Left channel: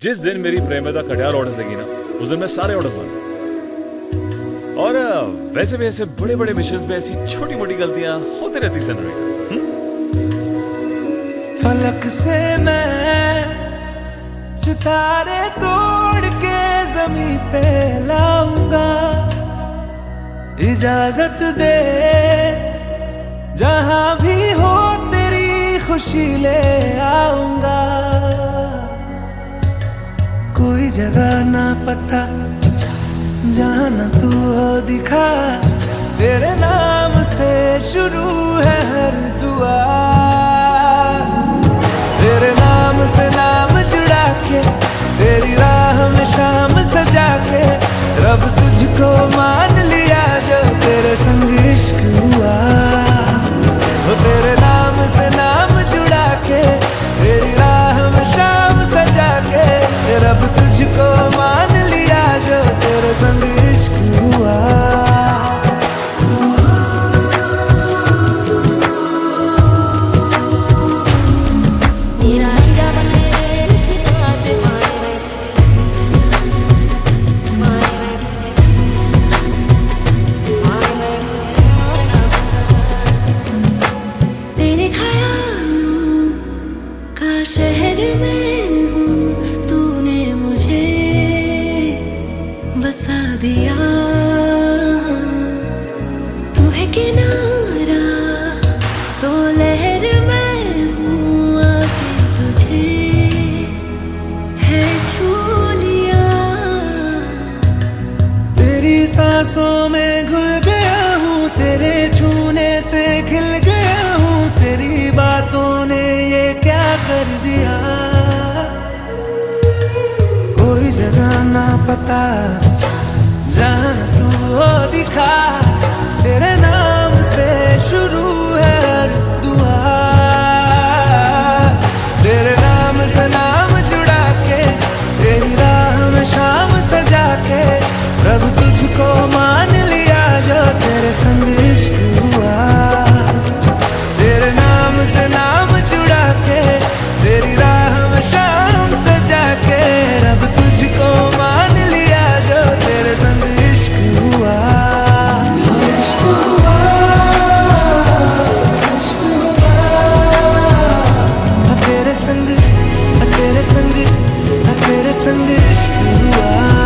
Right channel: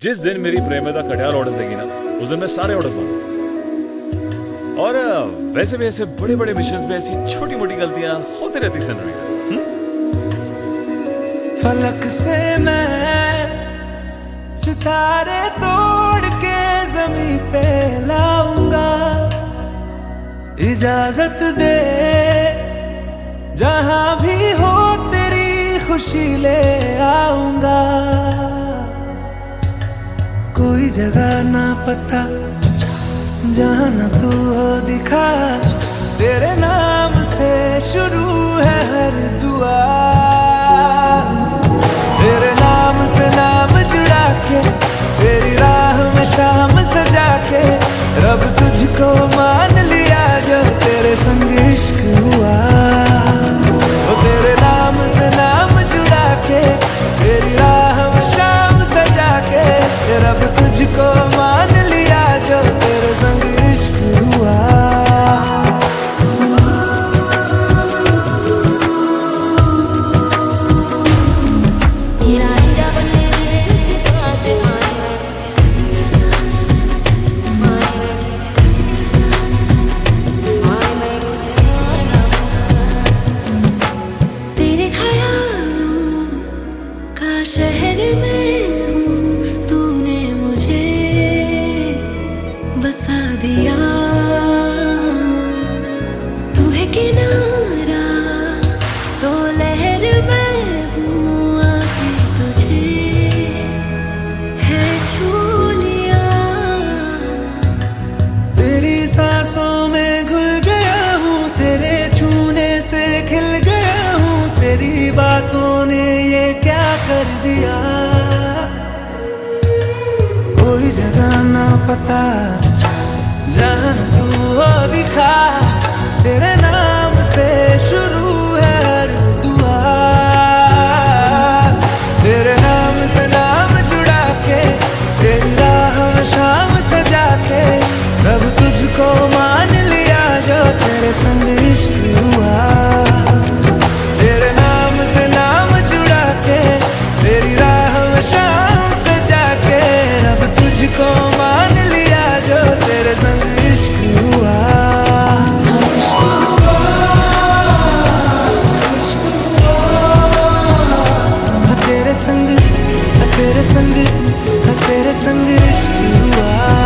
जिस दिन मेरी प्रेमिका कटियाल ऑर्डर देगी ना, उस दिन मैं सारे ऑर्डर्स मानूं। और वैसे भी ऐसे बड़े बड़े मिशंस में ऐसी छोटी मोटी गलतियां होती रहती सेनोरिटा। फलक से मैं सितारे तोड़ के जमीन पे लाऊंगा, इजाजत दे जहां भी हो तेरी खुशी ले आऊंगा। कोई जगह ना पता जहां ना तू हो दिखा, तेरे नाम से शुरू है हर दुआ। तेरे नाम से नाम जुड़ा के, तेरी राह में शाम सजा के, रब तुझको मान लिया जो तेरे संग इश्क हुआ। वो तेरे नाम से नाम जुड़ा के, तेरी राह में शाम सजा के, रब तुझको मान लिया जो तेरे संग इश्क हुआ। तेरे ख्यालों का शहर में हूँ, तूने मुझे बसा दिया। तू है किनारा तो लहर में हूँ, आके तुझे है छू लिया। तेरी सांसों में घुल गया हूँ, तेरे छूने से खिल गया हूँ, तेरी बातों ने ये क्या कर दिया। कोई जगह ना पता जहां तू हो दिखा, तेरे नाम से शुरू है हर दुआ। तेरे नाम से नाम जुड़ा के, तेरी राह में शाम सजा के, रब तुझको मान लिया जो तेरे संग इश्क हुआ। तेरे नाम से नाम जुड़ा के, तेरी राह में शाम सजा के, रब तुझको मान लिया जो तेरे संग इश्क हुआ। तेरे संग, तेरे संग, तेरे संग इश्क हुआ।